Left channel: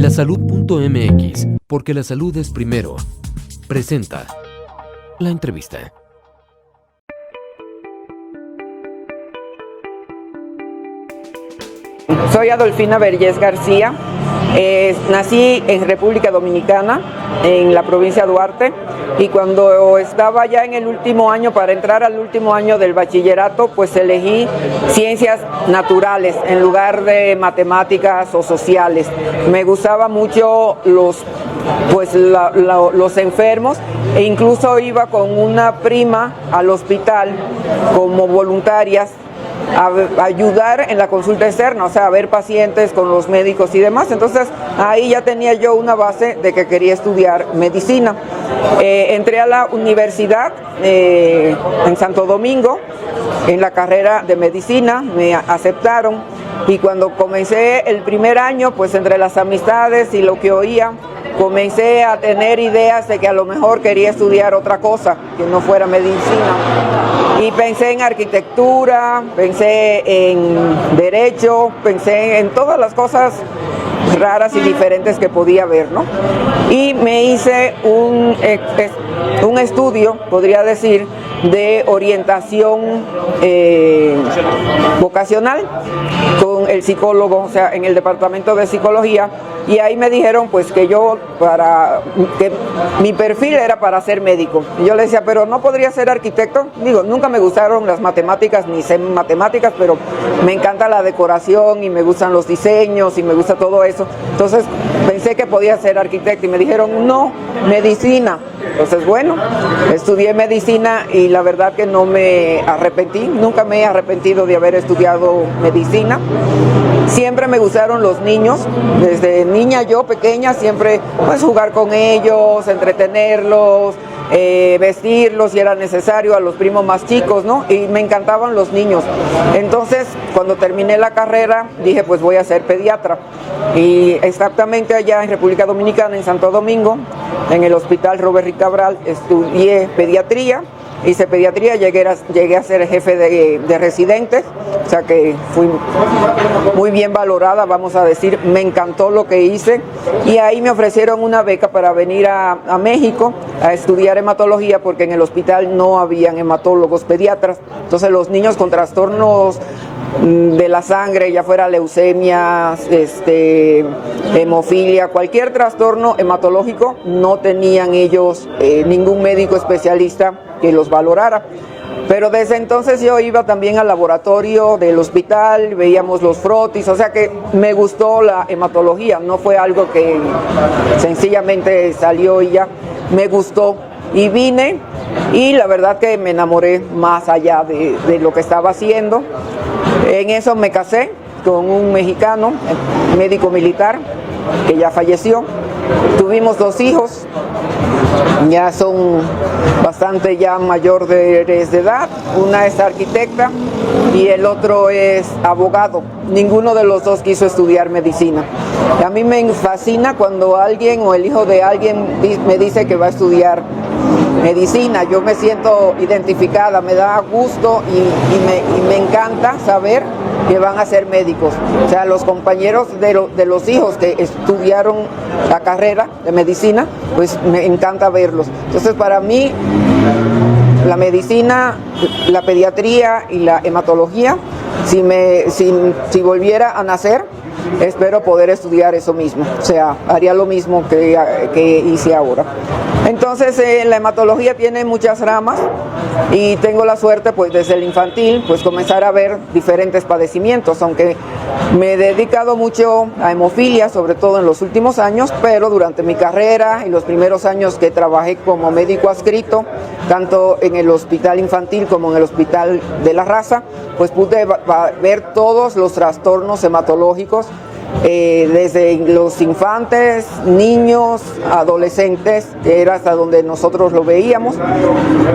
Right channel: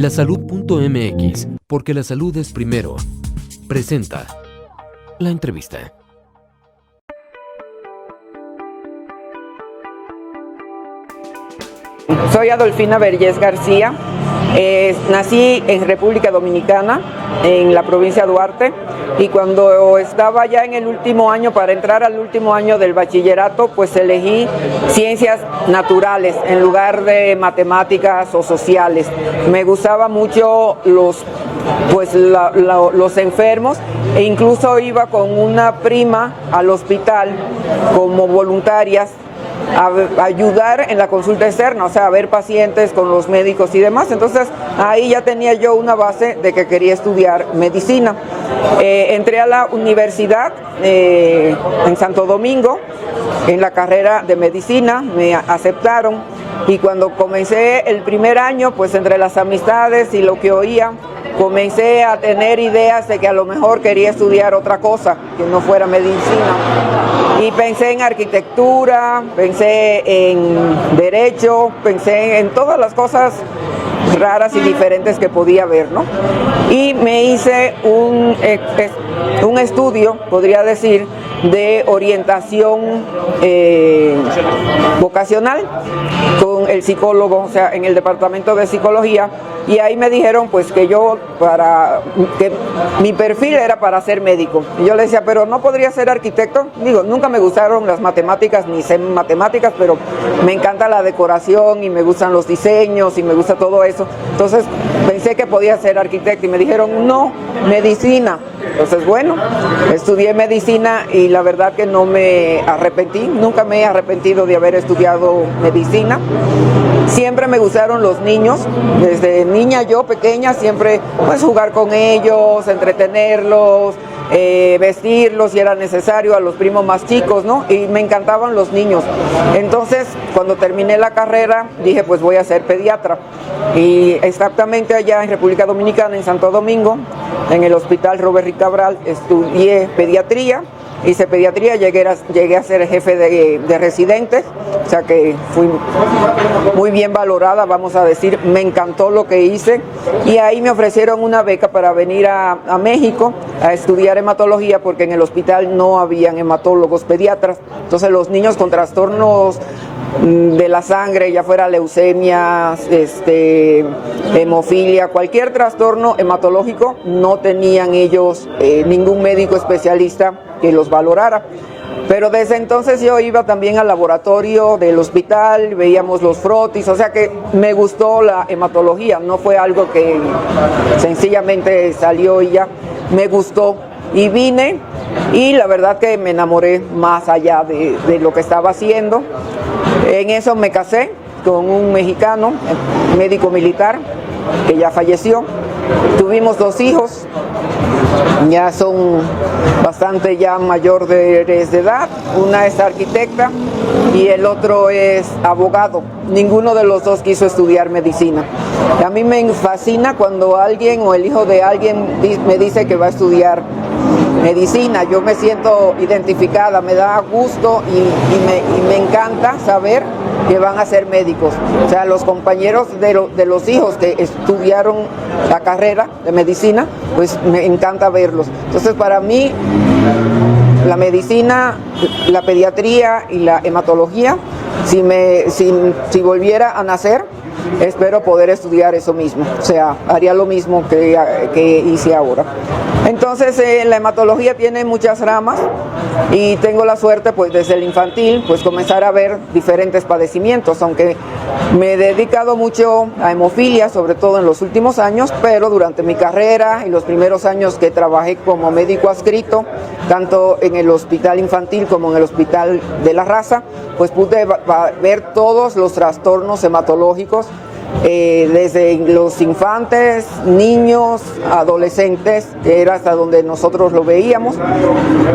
Lasalud.mx, porque la salud es primero. Presenta la entrevista. Soy Adolfina Vergés García, nací en República Dominicana, en la provincia de Duarte, y cuando estaba ya en el último año, para entrar al último año del bachillerato, pues elegí ciencias naturales en lugar de matemáticas o sociales. Me gustaban mucho los enfermos, e incluso iba con una prima al hospital como voluntarias a ayudar en la consulta externa, o sea, a ver pacientes con los médicos y demás. Entonces ahí ya tenía yo una base de que quería estudiar medicina. Entré a la universidad en Santo Domingo, en la carrera de medicina, me aceptaron, y cuando comencé el primer año, pues entre las amistades y lo que oía, comencé a tener ideas de que a lo mejor quería estudiar otra cosa, que no fuera medicina. Y pensé en arquitectura, pensé en derecho, pensé en todas las cosas raras y diferentes que podía haber, ¿no? Y me hice un estudio, podría decir, de orientación vocacional con el psicólogo, o sea, en el departamento de psicología, y ahí me dijeron pues que mi perfil era para ser médico. Y yo le decía, pero no podría ser arquitecto. Digo, nunca me gustaron las matemáticas, ni sé matemáticas, pero me encanta la decoración y me gustan los diseños y me gusta todo eso. Entonces pensé que podía ser arquitecto y me dijeron, no, medicina. Entonces bueno, estudié medicina y la verdad que no me arrepentí, nunca me he arrepentido de haber estudiado medicina. Siempre me gustaron los niños, desde niña yo pequeña, siempre pues jugar con ellos, entretenerlos, vestirlos si era necesario, a los primos más chicos, ¿no? Y me encantaban los niños. Entonces, cuando terminé la carrera, dije pues voy a ser pediatra. Y exactamente allá en República Dominicana, en Santo Domingo, en el Hospital Robert Rick Cabral, estudié pediatría. Hice pediatría, llegué a ser jefe de residentes, o sea que fui muy bien valorada, vamos a decir, me encantó lo que hice, y ahí me ofrecieron una beca para venir a México a estudiar hematología, porque en el hospital no habían hematólogos pediatras. Entonces los niños con trastornos de la sangre, ya fuera leucemia, hemofilia, cualquier trastorno hematológico, no tenían ellos ningún médico especialista que los valorara. Pero desde entonces yo iba también al laboratorio del hospital, veíamos los frotis, o sea que me gustó la hematología, no fue algo que sencillamente salió y ya, me gustó. Y vine, y la verdad que me enamoré más allá de lo que estaba haciendo. En eso me casé con un mexicano, médico militar, que ya falleció. Tuvimos 2 hijos, ya son bastante ya mayor de edad. Una es arquitecta y el otro es abogado. Ninguno de los dos quiso estudiar medicina. A mí me fascina cuando alguien o el hijo de alguien me dice que va a estudiar medicina. Yo me siento identificada, me da gusto y me encanta saber que van a ser médicos. O sea, los compañeros de los hijos que estudiaron la carrera de medicina, pues me encanta verlos. Entonces, para mí, la medicina, la pediatría y la hematología, si volviera a nacer, espero poder estudiar eso mismo, o sea, haría lo mismo que hice ahora. Entonces la hematología tiene muchas ramas y tengo la suerte pues desde el infantil pues comenzar a ver diferentes padecimientos, aunque me he dedicado mucho a hemofilia, sobre todo en los últimos años, pero durante mi carrera y los primeros años que trabajé como médico adscrito, tanto en el hospital infantil como en el hospital de la raza, pues pude ver todos los trastornos hematológicos, desde los infantes, niños, adolescentes, que era hasta donde nosotros lo veíamos.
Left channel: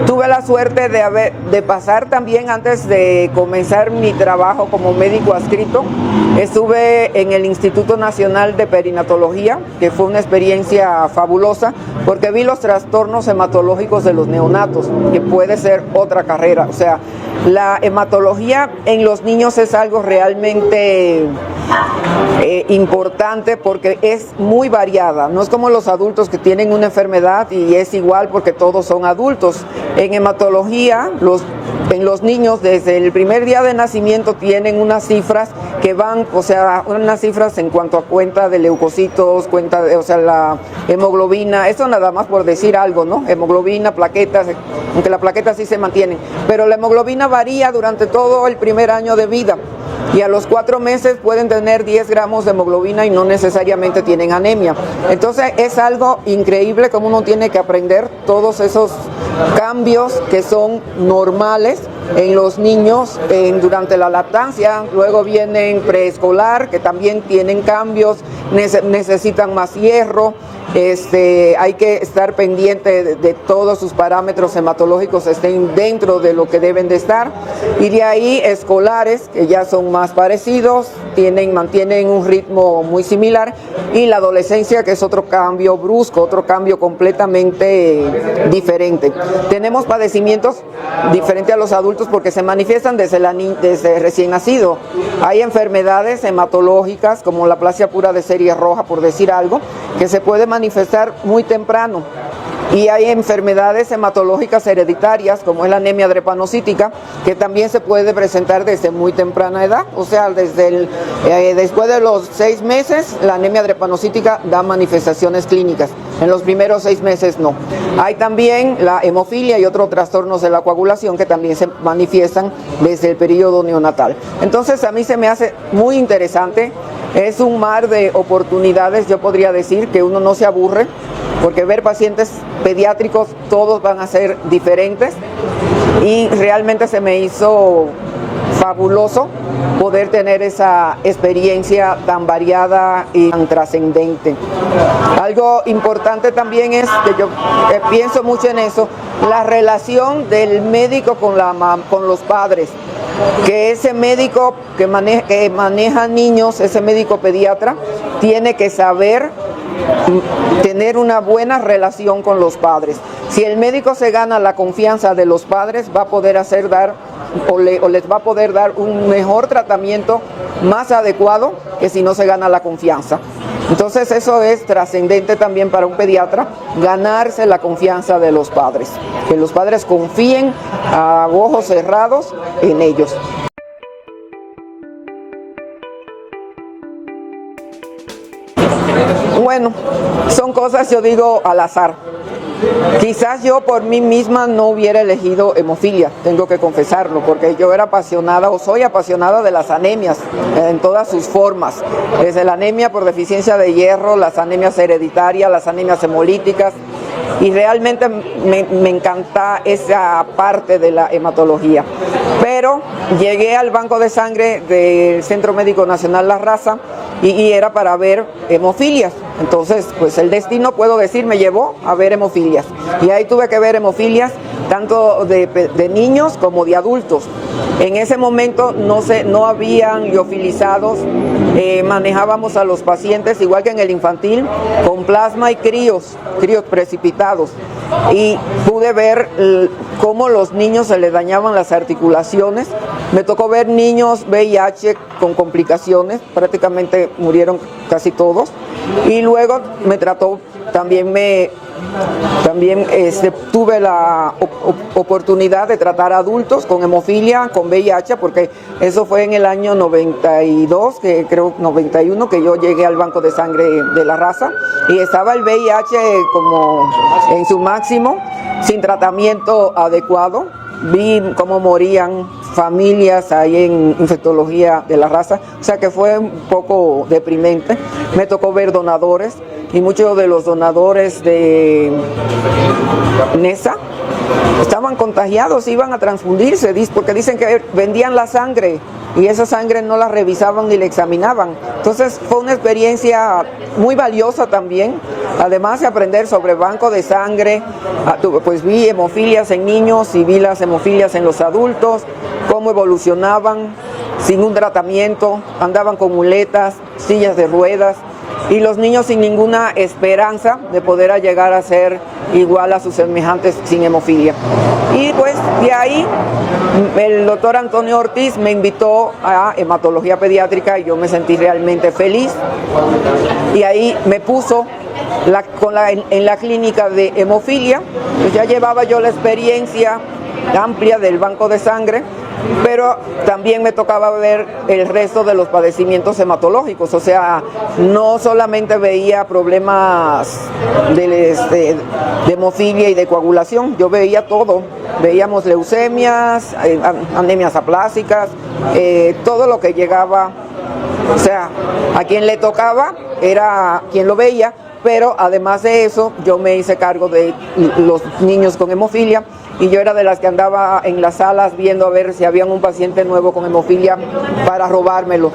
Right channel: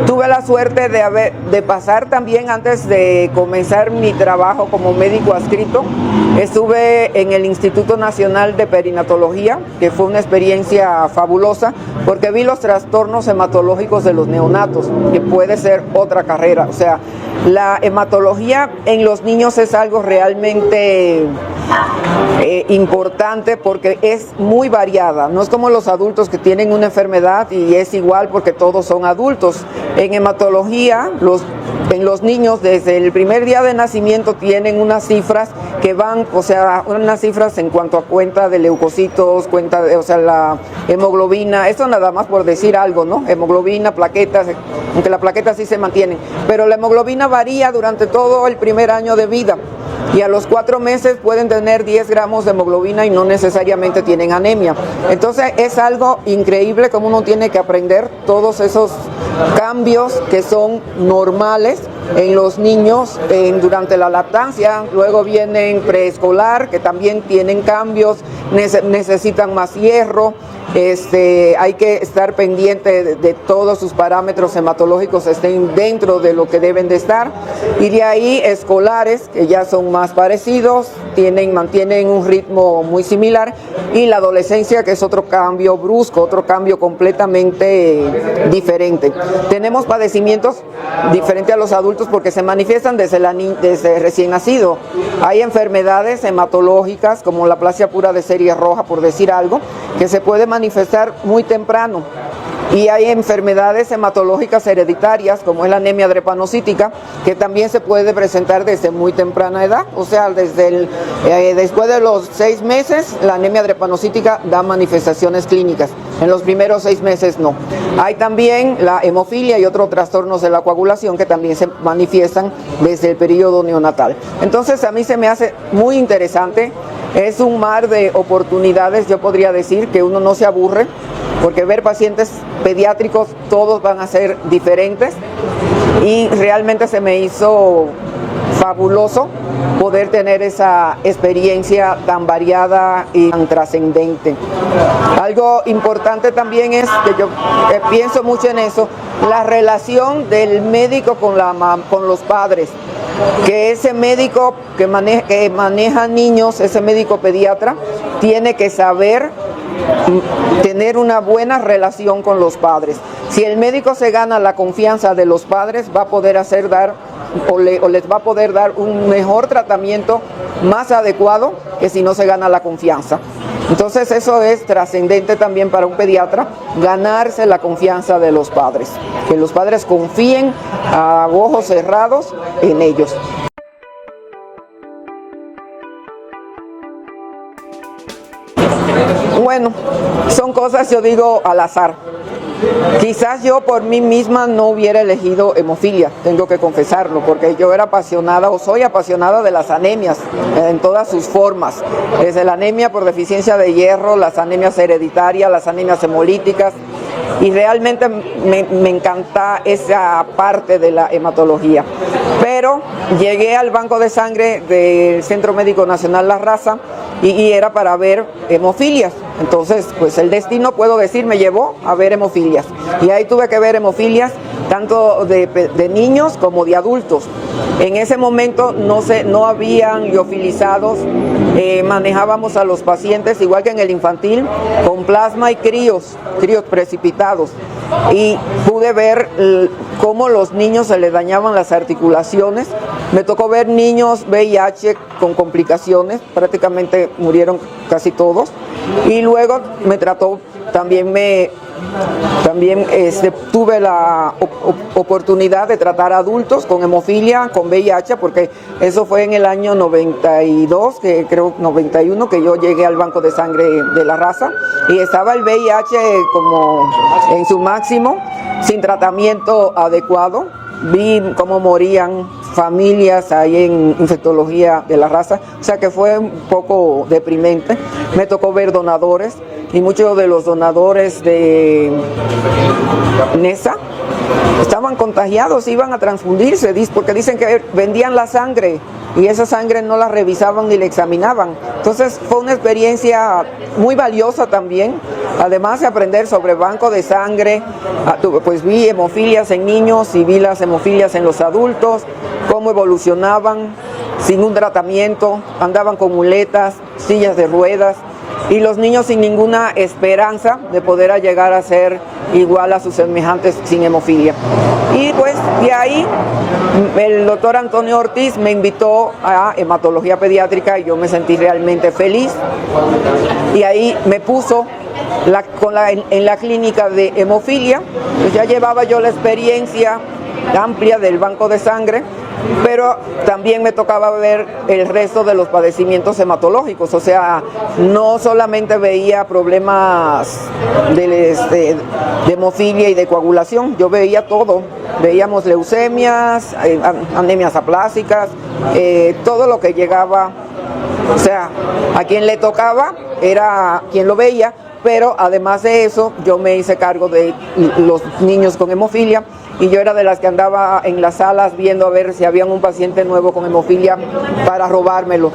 Tuve la suerte de pasar también, antes de comenzar mi trabajo como médico adscrito, estuve en el Instituto Nacional de Perinatología, que fue una experiencia fabulosa, porque vi los trastornos hematológicos de los neonatos, que puede ser otra carrera. O sea, la hematología en los niños es algo realmente importante porque es muy variada. No es como los adultos que tienen una enfermedad y es igual porque todos son adultos. En hematología, en los niños desde el primer día de nacimiento tienen unas cifras que van, o sea, unas cifras en cuanto a cuenta de leucocitos, cuenta de, o sea, la hemoglobina, esto nada más por decir algo, ¿no? Hemoglobina, plaquetas, aunque la plaqueta sí se mantienen, pero la hemoglobina varía durante todo el primer año de vida y a los 4 meses pueden tener 10 gramos de hemoglobina y no necesariamente tienen anemia. Entonces es algo increíble como uno tiene que aprender todos esos cambios que son normales en los niños durante la lactancia. Luego vienen preescolar, que también tienen cambios, necesitan más hierro. Hay que estar pendiente de todos sus parámetros hematológicos estén dentro de lo que deben de estar, y de ahí escolares, que ya son más parecidos, mantienen un ritmo muy similar, y la adolescencia, que es otro cambio brusco, otro cambio completamente diferente. Tenemos padecimientos diferentes a los adultos porque se manifiestan desde recién nacido. Hay enfermedades hematológicas como la aplasia pura de serie roja, por decir algo, que se puede manifestar muy temprano, y hay enfermedades hematológicas hereditarias como es la anemia drepanocítica, que también se puede presentar desde muy temprana edad, o sea, después de los 6 meses la anemia drepanocítica da manifestaciones clínicas, en los primeros 6 meses no. Hay también la hemofilia y otros trastornos de la coagulación que también se manifiestan desde el periodo neonatal. Entonces a mí se me hace muy interesante. Es un mar de oportunidades, yo podría decir, que uno no se aburre, porque ver pacientes pediátricos todos van a ser diferentes, y realmente se me hizo fabuloso poder tener esa experiencia tan variada y tan trascendente. Algo importante también es que yo pienso mucho en eso, la relación del médico con los padres, que ese médico que maneja niños, ese médico pediatra, tiene que saber tener una buena relación con los padres. Si el médico se gana la confianza de los padres, va a poder les va a poder dar un mejor tratamiento más adecuado que si no se gana la confianza. Entonces eso es trascendente también para un pediatra, ganarse la confianza de los padres, que los padres confíen a ojos cerrados en ellos. Bueno, son cosas, yo digo, al azar. Quizás yo por mí misma no hubiera elegido hemofilia, tengo que confesarlo, porque yo era apasionada o soy apasionada de las anemias en todas sus formas, desde la anemia por deficiencia de hierro, las anemias hereditarias, las anemias hemolíticas, y realmente me encanta esa parte de la hematología. Pero llegué al banco de sangre del Centro Médico Nacional La Raza y era para ver hemofilias. Entonces, pues el destino, puedo decir, me llevó a ver hemofilias. Y ahí tuve que ver hemofilias tanto de niños como de adultos. En ese momento no habían liofilizados, manejábamos a los pacientes igual que en el infantil, con plasma y críos precipitados. Y pude ver cómo los niños se les dañaban las articulaciones. Me tocó ver niños VIH con complicaciones, prácticamente murieron casi todos, y luego me trató, también tuve la oportunidad de tratar a adultos con hemofilia, con VIH, porque eso fue en el año 92, que creo 91, que yo llegué al banco de sangre de La Raza, y estaba el VIH como en su máximo, sin tratamiento adecuado. Vi cómo morían familias ahí en infectología de La Raza, o sea que fue un poco deprimente. Me tocó ver donadores, y muchos de los donadores de NESA estaban contagiados, iban a transfundirse, porque dicen que vendían la sangre y esa sangre no la revisaban ni la examinaban. Entonces fue una experiencia muy valiosa también, además de aprender sobre banco de sangre. Pues vi hemofilias en niños y vi las hemofilias en los adultos, cómo evolucionaban sin un tratamiento, andaban con muletas, sillas de ruedas, y los niños sin ninguna esperanza de poder llegar a ser igual a sus semejantes sin hemofilia. Y pues Y ahí el doctor Antonio Ortiz me invitó a hematología pediátrica y yo me sentí realmente feliz. Y ahí me puso en la clínica de hemofilia. Pues ya llevaba yo la experiencia amplia del banco de sangre, pero también me tocaba ver el resto de los padecimientos hematológicos, o sea, no solamente veía problemas de hemofilia y de coagulación, yo veía todo, veíamos leucemias, anemias aplásicas, todo lo que llegaba, o sea, a quien le tocaba era quien lo veía. Pero además de eso, yo me hice cargo de los niños con hemofilia y yo era de las que andaba en las salas viendo a ver si había un paciente nuevo con hemofilia para robármelo.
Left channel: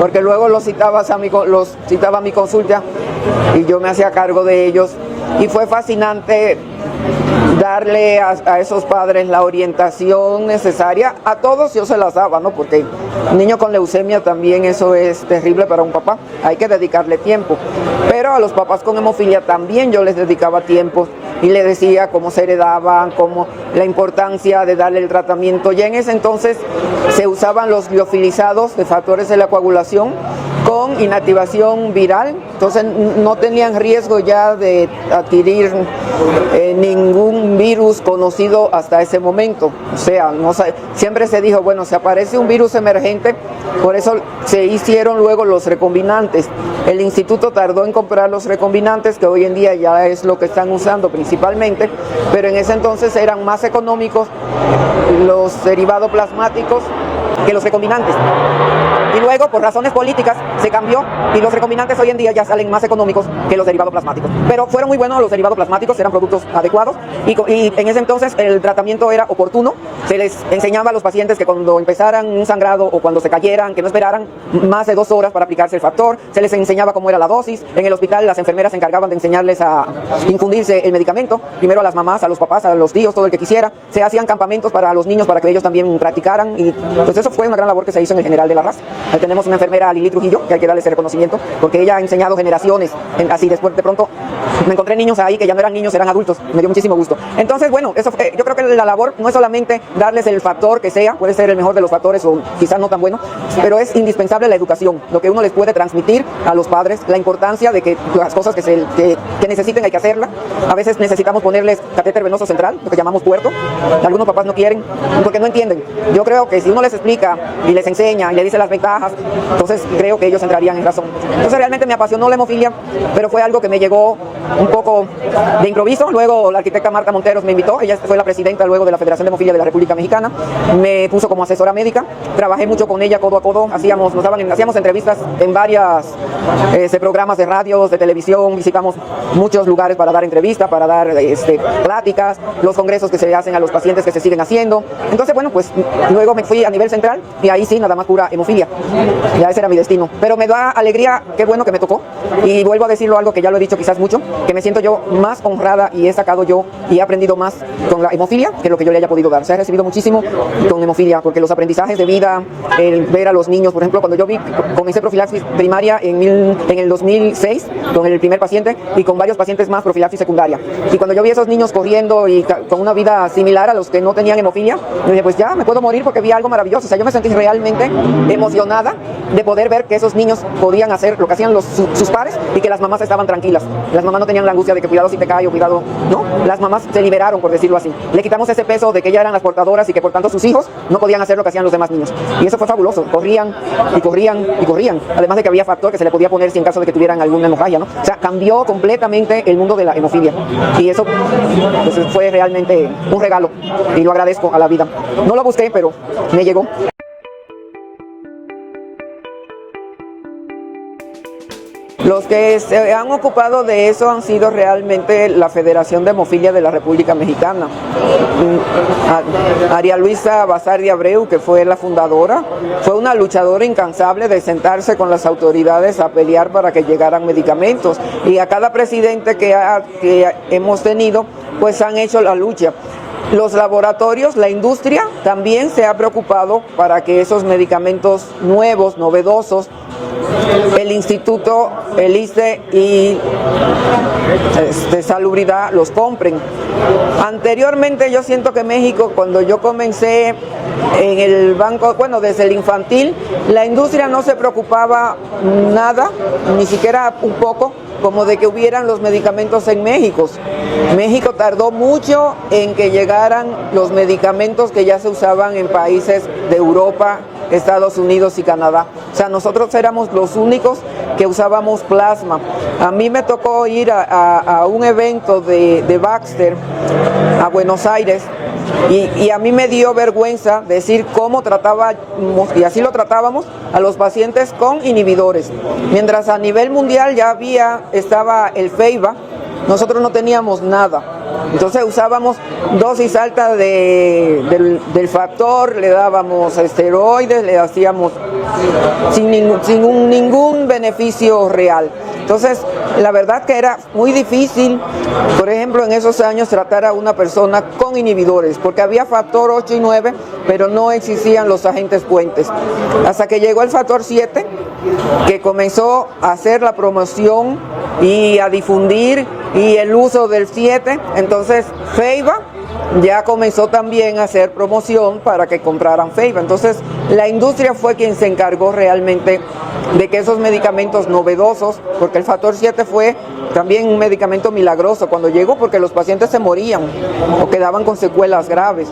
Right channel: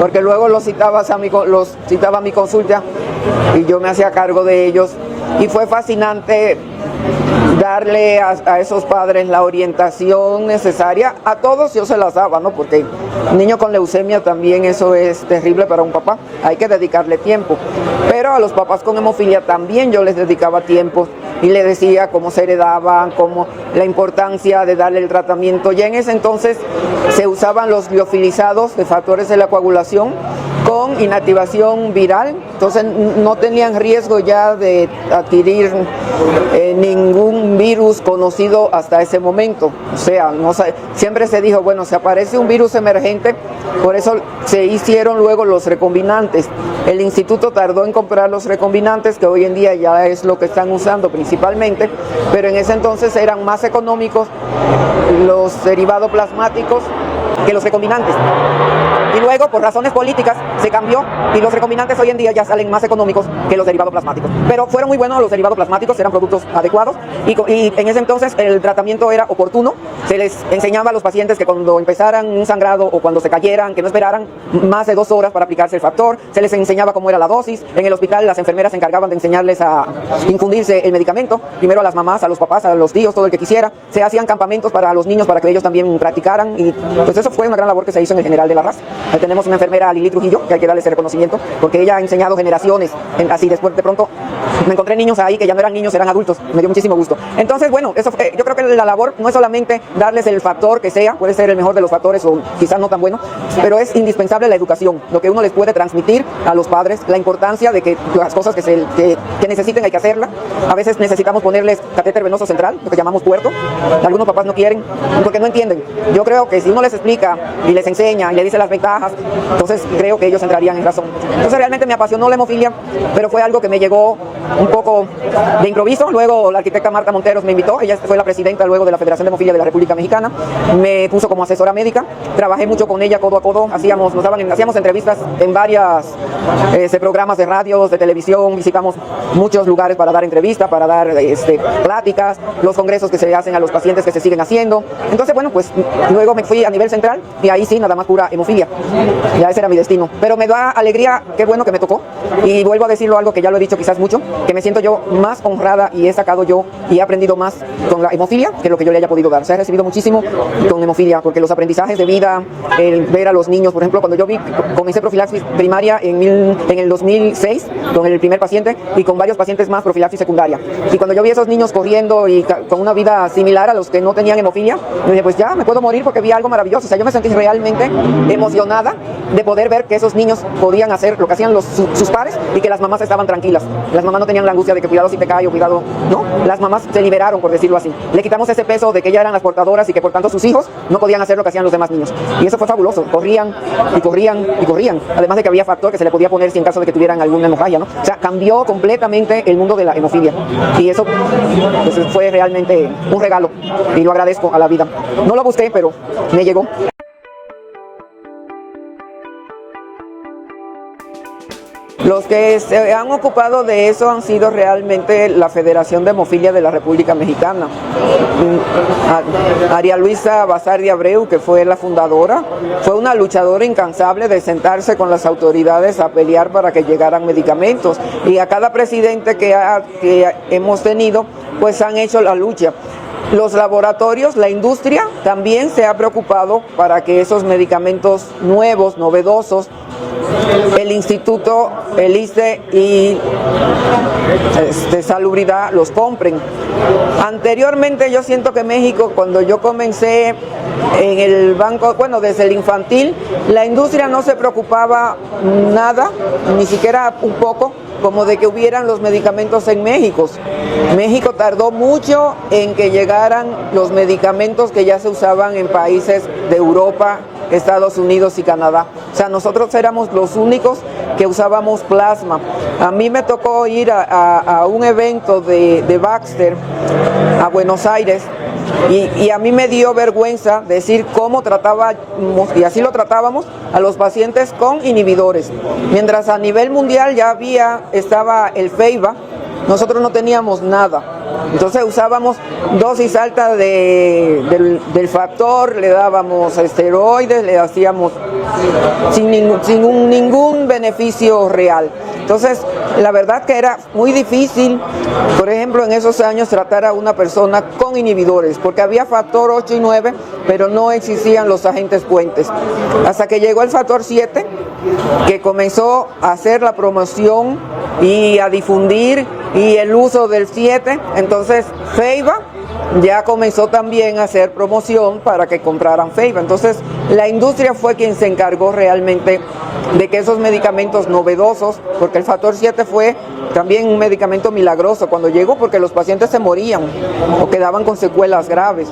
Porque luego los citaba a mi consulta y yo me hacía cargo de ellos. Y fue fascinante darle a esos padres la orientación necesaria. A todos yo se las daba, ¿no? Porque un niño con leucemia también eso es terrible para un papá. Hay que dedicarle tiempo. Pero a los papás con hemofilia también yo les dedicaba tiempo y les decía cómo se heredaban, cómo la importancia de darle el tratamiento. Ya en ese entonces se usaban los liofilizados de factores de la coagulación con inactivación viral, entonces no tenían riesgo ya de adquirir ningún virus conocido hasta ese momento. O sea, siempre se dijo, bueno, si aparece un virus emergente, por eso se hicieron luego los recombinantes. El instituto tardó en comprar los recombinantes, que hoy en día ya es lo que están usando principalmente, pero en ese entonces eran más económicos los derivados plasmáticos que los recombinantes. Y luego, por razones políticas, se cambió y los recombinantes hoy en día ya salen más económicos que los derivados plasmáticos. Pero fueron muy buenos los derivados plasmáticos, eran productos adecuados y en ese entonces el tratamiento era oportuno. Se les enseñaba a los pacientes que cuando empezaran un sangrado o cuando se cayeran, que no esperaran más de 2 horas para aplicarse el factor. Se les enseñaba cómo era la dosis. En el hospital las enfermeras se encargaban de enseñarles a infundirse el medicamento, primero a las mamás, a los papás, a los tíos, todo el que quisiera. Se hacían campamentos para los niños para que ellos también practicaran y pues eso fue una gran labor que se hizo en el General de la Raza. Tenemos una enfermera, Lili Trujillo, que hay que darle ese reconocimiento, porque ella ha enseñado generaciones. Así después, de pronto, me encontré niños ahí que ya no eran niños, eran adultos. Me dio muchísimo gusto. Entonces, bueno, eso, yo creo que la labor no es solamente darles el factor que sea, puede ser el mejor de los factores o quizás no tan bueno, pero es indispensable la educación, lo que uno les puede transmitir a los padres, la importancia de que las cosas que necesiten hay que hacerlas. A veces necesitamos ponerles catéter venoso central, lo que llamamos puerto. Algunos papás no quieren, porque no entienden. Yo creo que si uno les explica y les enseña y le dice las ventajas, entonces creo que ellos entrarían en razón. Entonces realmente me apasionó la hemofilia, pero fue algo que me llegó un poco de improviso. Luego la arquitecta Marta Monteros me invitó, ella fue la presidenta luego de la Federación de Hemofilia de la República Mexicana, me puso como asesora médica, trabajé mucho con ella codo a codo, hacíamos entrevistas en varios programas de radio, de televisión, visitamos muchos lugares para dar entrevistas, para dar pláticas, los congresos que se hacen a los pacientes que se siguen haciendo. Entonces, bueno, pues luego me fui a nivel central y ahí sí, nada más pura hemofilia. Ya ese era mi destino. Pero me da alegría, qué bueno que me tocó. Y vuelvo a decirlo algo que ya lo he dicho quizás mucho, que me siento yo más honrada y he sacado yo y he aprendido más con la hemofilia que lo que yo le haya podido dar. O sea, he recibido muchísimo con hemofilia, porque los aprendizajes de vida, el ver a los niños, por ejemplo, cuando yo comencé profilaxis primaria en el 2006 con el primer paciente y con varios pacientes más profilaxis secundaria. Y cuando yo vi a esos niños corriendo y con una vida similar a los que no tenían hemofilia, yo dije, pues ya me puedo morir porque vi algo maravilloso. O sea, yo me sentí realmente emocionada de poder ver que esos niños podían hacer lo que hacían sus padres y que las mamás estaban tranquilas. Las mamás no tenían la angustia de que cuidado si te cae o cuidado, ¿no? Las mamás se liberaron, por decirlo así. Le quitamos ese peso de que ya eran las portadoras y que por tanto sus hijos no podían hacer lo que hacían los demás niños. Y eso fue fabuloso. Corrían y corrían y corrían. Además de que había factor que se le podía poner si en caso de que tuvieran alguna hemorragia, ¿no? O sea, cambió completamente el mundo de la hemofilia. Y eso fue realmente un regalo. Y lo agradezco a la vida. No lo busqué, pero me llegó. Los que se han ocupado de eso han sido realmente la Federación de Hemofilia de la República Mexicana. María Luisa Bazar de Abreu, que fue la fundadora, fue una luchadora incansable de sentarse con las autoridades a pelear para que llegaran medicamentos. Y a cada presidente que hemos tenido, pues han hecho la lucha. Los laboratorios, la industria también se ha preocupado para que esos medicamentos nuevos, novedosos, el instituto, el ISSSTE y Salubridad los compren. Anteriormente yo siento que México, cuando yo comencé en el banco, bueno, desde el infantil, la industria no se preocupaba nada, ni siquiera un poco, como de que hubieran los medicamentos en México. México tardó mucho en que llegaran los medicamentos que ya se usaban en países de Europa, Estados Unidos y Canadá. O sea, nosotros éramos los únicos que usábamos plasma. A mí me tocó ir a un evento de Baxter a Buenos Aires y a mí me dio vergüenza decir cómo trataba, y así lo tratábamos, a los pacientes con inhibidores. Mientras a nivel mundial ya estaba el Feiba, nosotros no teníamos nada. Entonces usábamos dosis alta del factor, le dábamos esteroides, le hacíamos sin ningún beneficio real. Entonces, la verdad que era muy difícil, por ejemplo, en esos años tratar a una persona con inhibidores, porque había factor 8 y 9, pero no existían los agentes puentes. Hasta que llegó el factor 7, que comenzó a hacer la promoción y a difundir y el uso del 7, entonces Feiba ya comenzó también a hacer promoción para que compraran Feiba. Entonces la industria fue quien se encargó realmente de que esos medicamentos novedosos, porque el factor 7 fue también un medicamento milagroso cuando llegó, porque los pacientes se morían o quedaban con secuelas graves.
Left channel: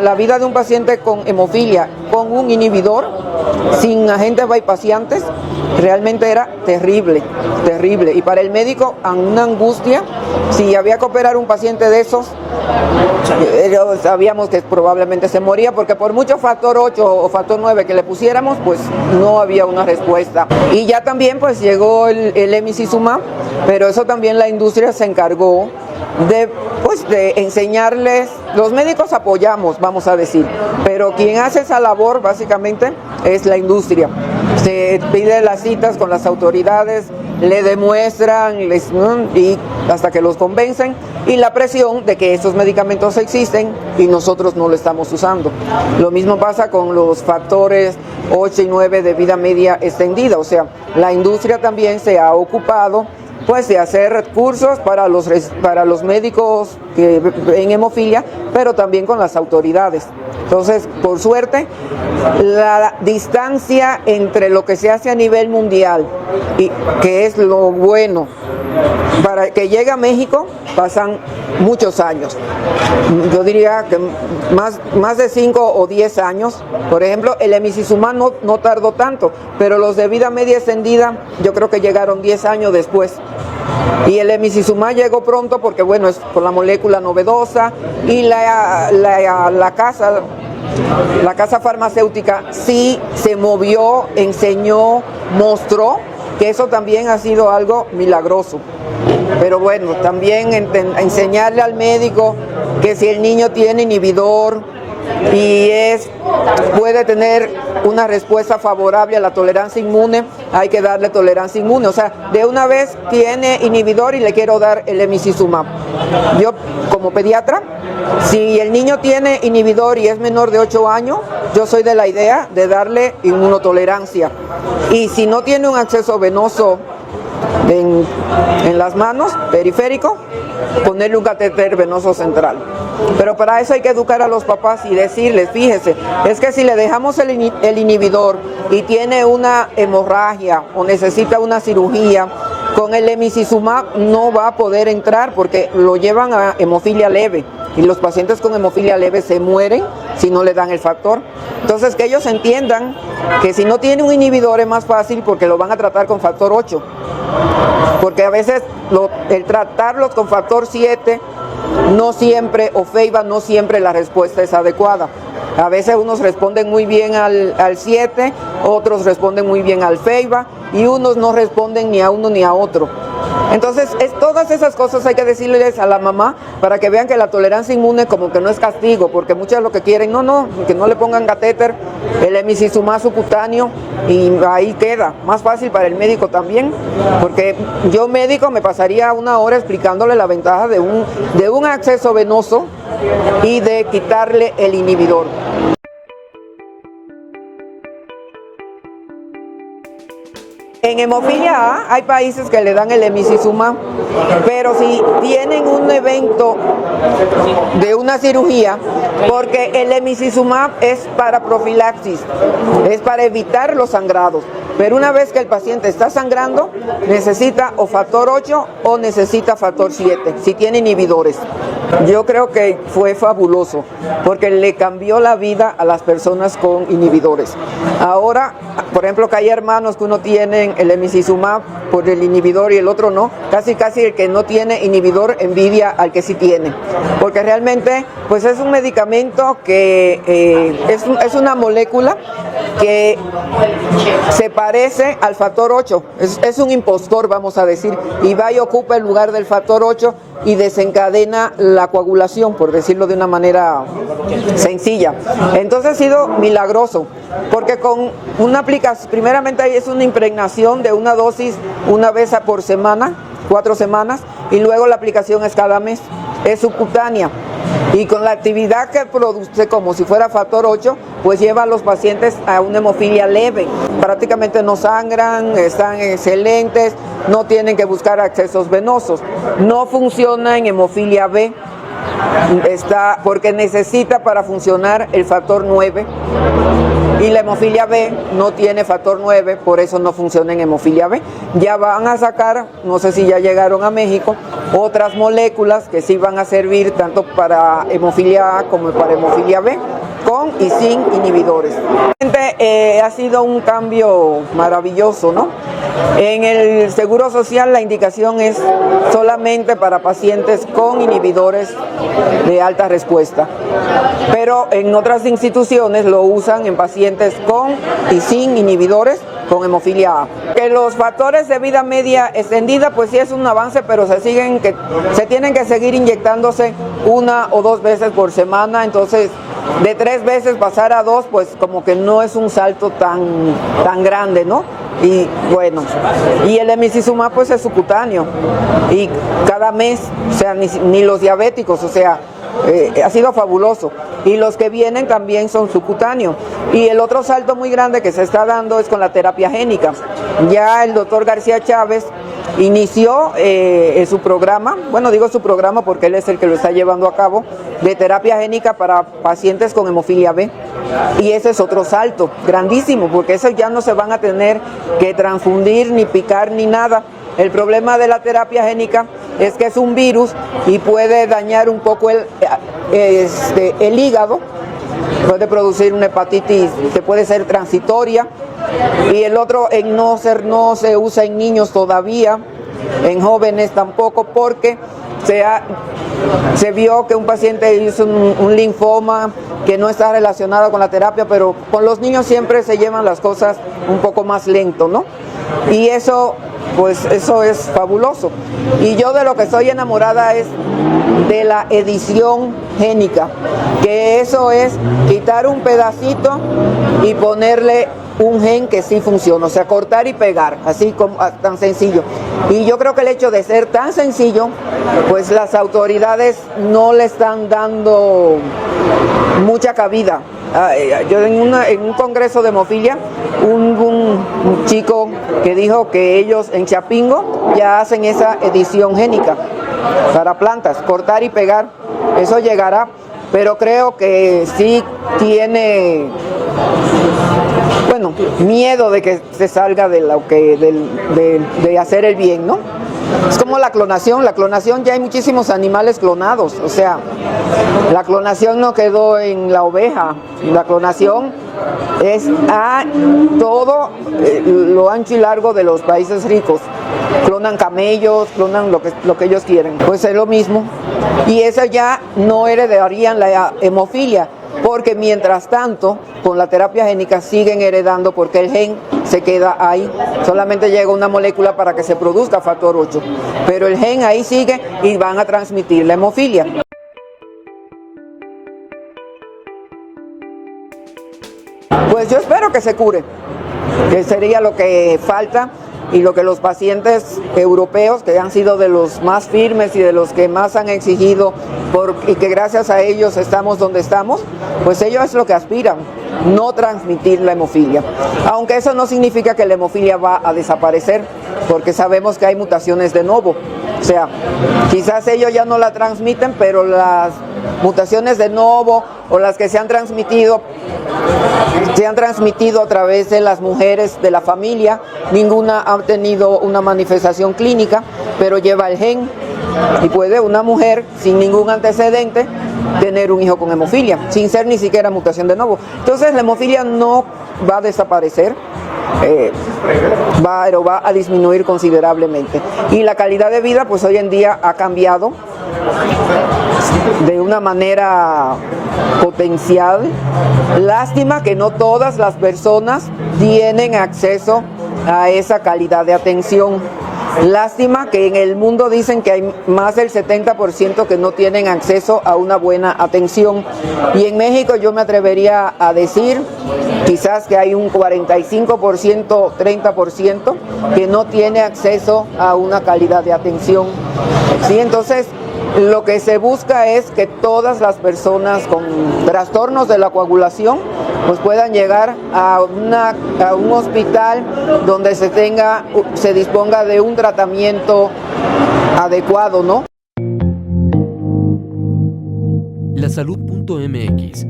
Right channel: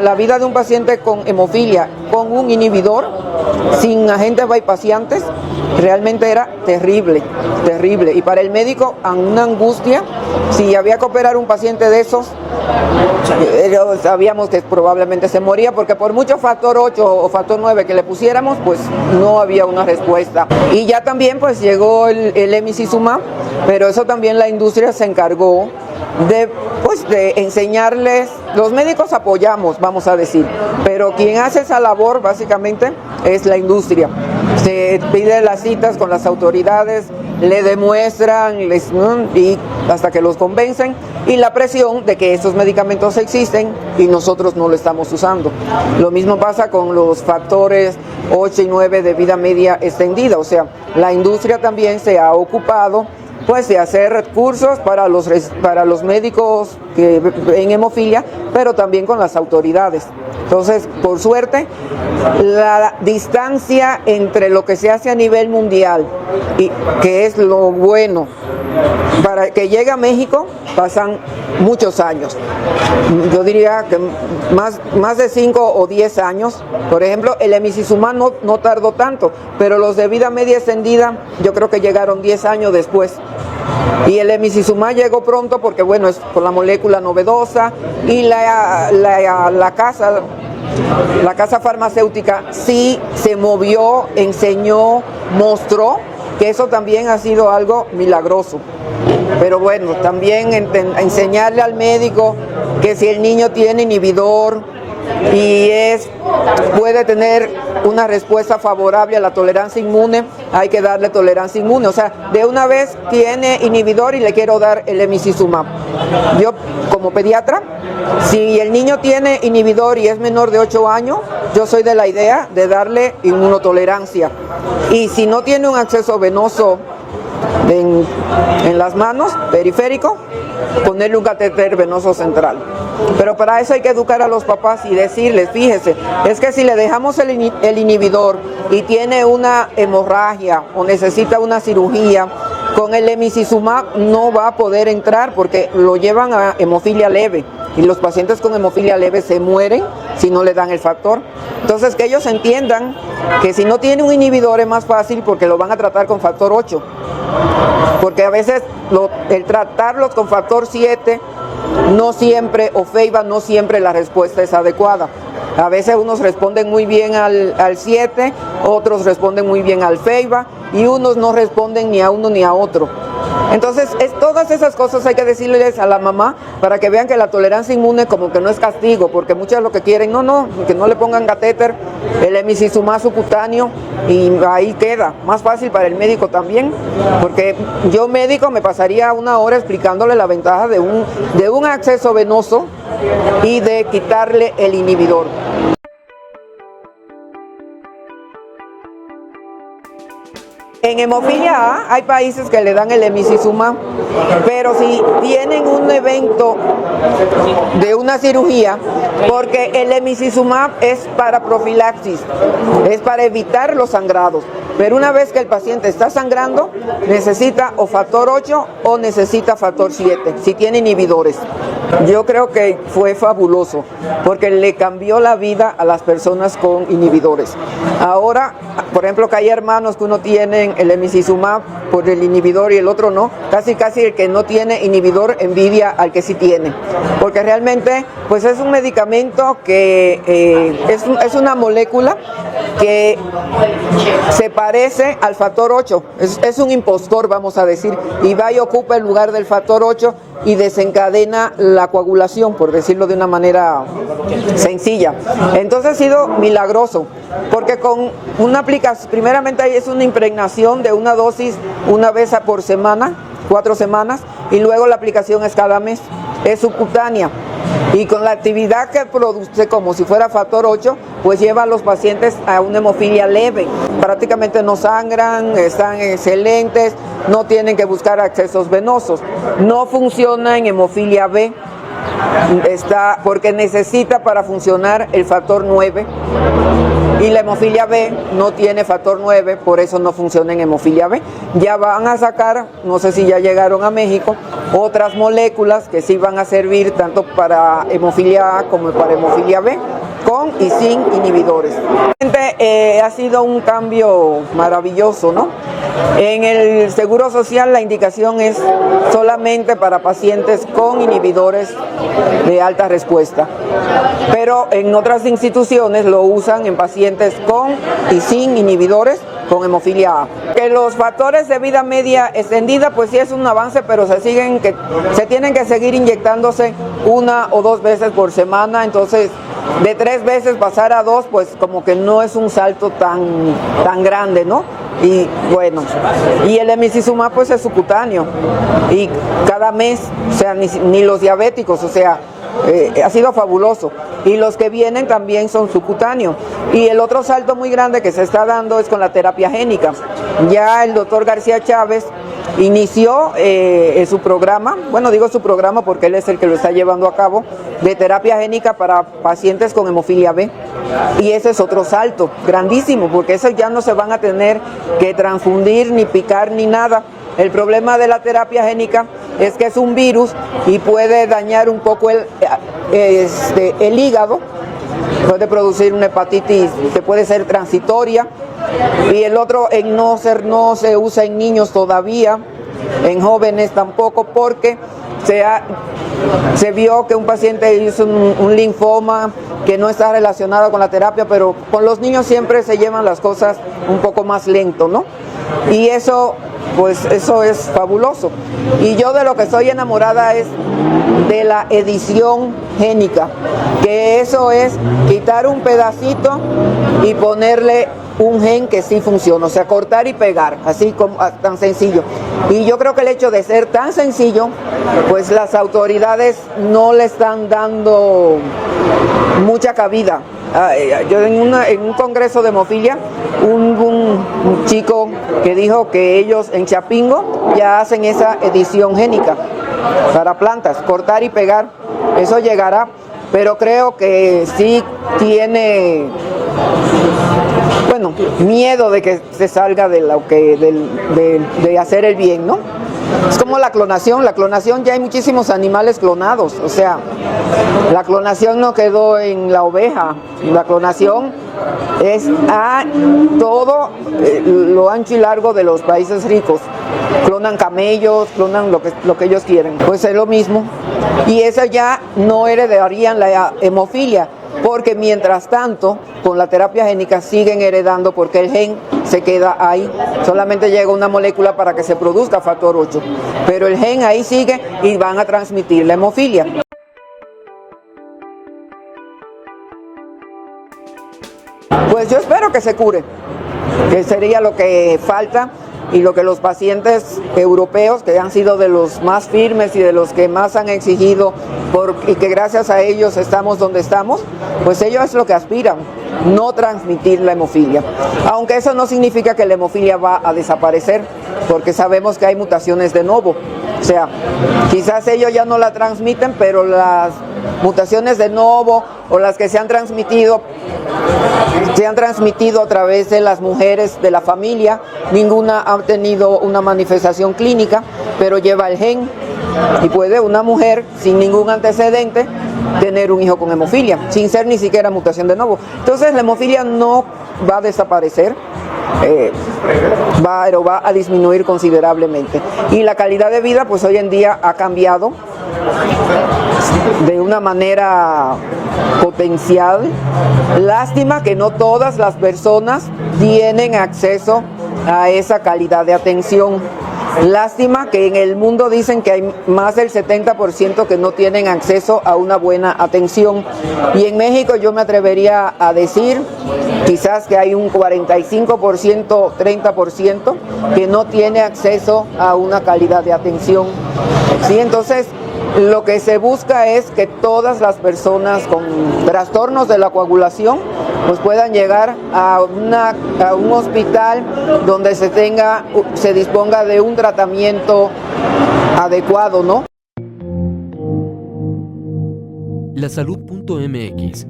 La vida de un paciente con hemofilia con un inhibidor sin agentes bypassiantes realmente era terrible, terrible. Y para el médico, una angustia. Si había que operar un paciente de esos, sabíamos que probablemente se moría, porque por mucho factor 8 o factor 9 que le pusiéramos, pues no había una respuesta. Y ya también pues llegó el emicizumab, pero eso también la industria se encargó de enseñarles. Los médicos apoyamos, vamos a decir, pero quien hace esa labor básicamente es la industria. Se pide las citas con las autoridades, le demuestran y hasta que los convencen, y la presión de que esos medicamentos existen y nosotros no lo estamos usando. Lo mismo pasa con los factores 8 y 9 de vida media extendida. O sea, la industria también se ha ocupado pues de hacer cursos para los médicos en hemofilia, pero también con las autoridades. Entonces, por suerte, la distancia entre lo que se hace a nivel mundial, y que es lo bueno, para que llegue a México pasan muchos años. Yo diría que más de 5 o 10 años. Por ejemplo, el emicizumab no tardó tanto, pero los de vida media extendida yo creo que llegaron 10 años después. Y el emicizumab llegó pronto porque, bueno, es por la molécula novedosa, y la casa farmacéutica sí se movió, enseñó, mostró que eso también ha sido algo milagroso. Pero bueno, también enseñarle al médico que si el niño tiene inhibidor y puede tener una respuesta favorable a la tolerancia inmune, hay que darle tolerancia inmune. O sea, de una vez tiene inhibidor y le quiero dar el emicizumab. Yo, como pediatra, si el niño tiene inhibidor y es menor de 8 años, yo soy de la idea de darle inmunotolerancia. Y si no tiene un acceso venoso en las manos, periférico, ponerle un catéter venoso central. Pero para eso hay que educar a los papás y decirles, fíjense, es que si le dejamos el inhibidor y tiene una hemorragia o necesita una cirugía, con el emicizumab no va a poder entrar porque lo llevan a hemofilia leve, y los pacientes con hemofilia leve se mueren si no le dan el factor. Entonces, que ellos entiendan que si no tiene un inhibidor es más fácil porque lo van a tratar con factor 8. Porque a veces el tratarlos con factor 7 no siempre, o Feiba no siempre la respuesta es adecuada. A veces unos responden muy bien al 7, otros responden muy bien al Feiba, y unos no responden ni a uno ni a otro. Entonces, todas esas cosas hay que decirles a la mamá para que vean que la tolerancia inmune como que no es castigo, porque muchos lo que quieren, que no le pongan catéter, el emicizumab subcutáneo, y ahí queda. Más fácil para el médico también, porque yo médico me pasaría 1 hora explicándole la ventaja de un acceso venoso y de quitarle el inhibidor. En hemofilia A hay países que le dan el emicizumab, pero si tienen un evento cirugía porque el emicizumab es para profilaxis, es para evitar los sangrados. Pero una vez que el paciente está sangrando, necesita o factor 8 o necesita factor 7, si tiene inhibidores. Yo creo que fue fabuloso porque le cambió la vida a las personas con inhibidores. Ahora, por ejemplo, que hay hermanos que uno tiene el emicizumab por el inhibidor y el otro no, casi el que no tiene inhibidor envidia al que sí tiene, porque realmente pues es un medicamento que es una molécula que se parece al factor 8, es un impostor, vamos a decir, y va y ocupa el lugar del factor 8 y desencadena la coagulación, por decirlo de una manera sencilla. Entonces ha sido milagroso, porque con una aplicación, primeramente ahí es una impregnación de una dosis una vez por semana, 4 semanas, y luego la aplicación es cada mes, es subcutánea, y con la actividad que produce como si fuera factor 8, pues lleva a los pacientes a una hemofilia leve. Prácticamente no sangran, están excelentes, no tienen que buscar accesos venosos, no funciona en hemofilia B, porque necesita para funcionar el factor 9 y la hemofilia B no tiene factor 9, por eso no funciona en hemofilia B. Ya van a sacar, no sé si ya llegaron a México, otras moléculas que sí van a servir tanto para hemofilia A como para hemofilia B, con y sin inhibidores. Ha sido un cambio maravilloso, ¿no? En el Seguro Social la indicación es solamente para pacientes con inhibidores de alta respuesta. Pero en otras instituciones lo usan en pacientes con y sin inhibidores con hemofilia A. Que los factores de vida media extendida, pues sí es un avance, pero se tienen que seguir inyectándose 1 o 2 veces por semana, entonces de 3 veces pasar a 2, pues como que no es un salto tan grande, ¿no? Y bueno, y el emicizumab pues es subcutáneo, y cada mes, o sea, ni los diabéticos, o sea, ha sido fabuloso, y los que vienen también son subcutáneos. Y el otro salto muy grande que se está dando es con la terapia génica. Ya el doctor García Chávez inició su programa, bueno, digo su programa porque él es el que lo está llevando a cabo, de terapia génica para pacientes con hemofilia B. Y ese es otro salto grandísimo, porque eso ya no se van a tener que transfundir, ni picar, ni nada. El problema de la terapia génica es que es un virus y puede dañar un poco el hígado, puede producir una hepatitis que puede ser transitoria, y el otro no se usa en niños todavía, en jóvenes tampoco, porque se vio que un paciente hizo un linfoma que no está relacionado con la terapia, pero con los niños siempre se llevan las cosas un poco más lento, ¿no? Y eso es fabuloso. Y yo de lo que estoy enamorada es de la edición génica, que eso es quitar un pedacito y ponerle un gen que sí funciona, o sea, cortar y pegar, así como tan sencillo. Y yo creo que el hecho de ser tan sencillo, pues las autoridades no le están dando mucha cabida. Yo en un congreso de hemofilia, un chico que dijo que ellos en Chapingo ya hacen esa edición génica para plantas, cortar y pegar. Eso llegará, pero creo que sí tiene, bueno, miedo de que se salga de de hacer el bien, ¿no? Es como la clonación ya hay muchísimos animales clonados, o sea, la clonación no quedó en la oveja, la clonación es a todo lo ancho y largo de los países ricos. Clonan camellos, clonan lo que ellos quieren. Pues es lo mismo. Y esa ya no heredarían la hemofilia, porque mientras tanto, con la terapia génica siguen heredando, porque el gen se queda ahí. Solamente llega una molécula para que se produzca factor 8. Pero el gen ahí sigue y van a transmitir la hemofilia. Pues yo espero que se cure, que sería lo que falta y lo que los pacientes europeos, que han sido de los más firmes y de los que más han exigido, y que gracias a ellos estamos donde estamos, pues ellos es lo que aspiran, no transmitir la hemofilia. Aunque eso no significa que la hemofilia va a desaparecer, porque sabemos que hay mutaciones de novo. O sea, quizás ellos ya no la transmiten, pero las mutaciones de novo o las que se han transmitido a través de las mujeres de la familia. Ninguna ha tenido una manifestación clínica, pero lleva el gen y puede una mujer sin ningún antecedente tener un hijo con hemofilia, sin ser ni siquiera mutación de nuevo. Entonces la hemofilia no va a desaparecer, pero va a disminuir considerablemente. Y la calidad de vida pues hoy en día ha cambiado de una manera potencial. Lástima que no todas las personas tienen acceso a esa calidad de atención. Lástima que en el mundo dicen que hay más del 70% que no tienen acceso a una buena atención. Y en México yo me atrevería a decir quizás que hay un 45%, 30% que no tiene acceso a una calidad de atención. Sí, entonces lo que se busca es que todas las personas con trastornos de la coagulación pues puedan llegar a un hospital donde se disponga de un tratamiento adecuado, ¿no? Lasalud.mx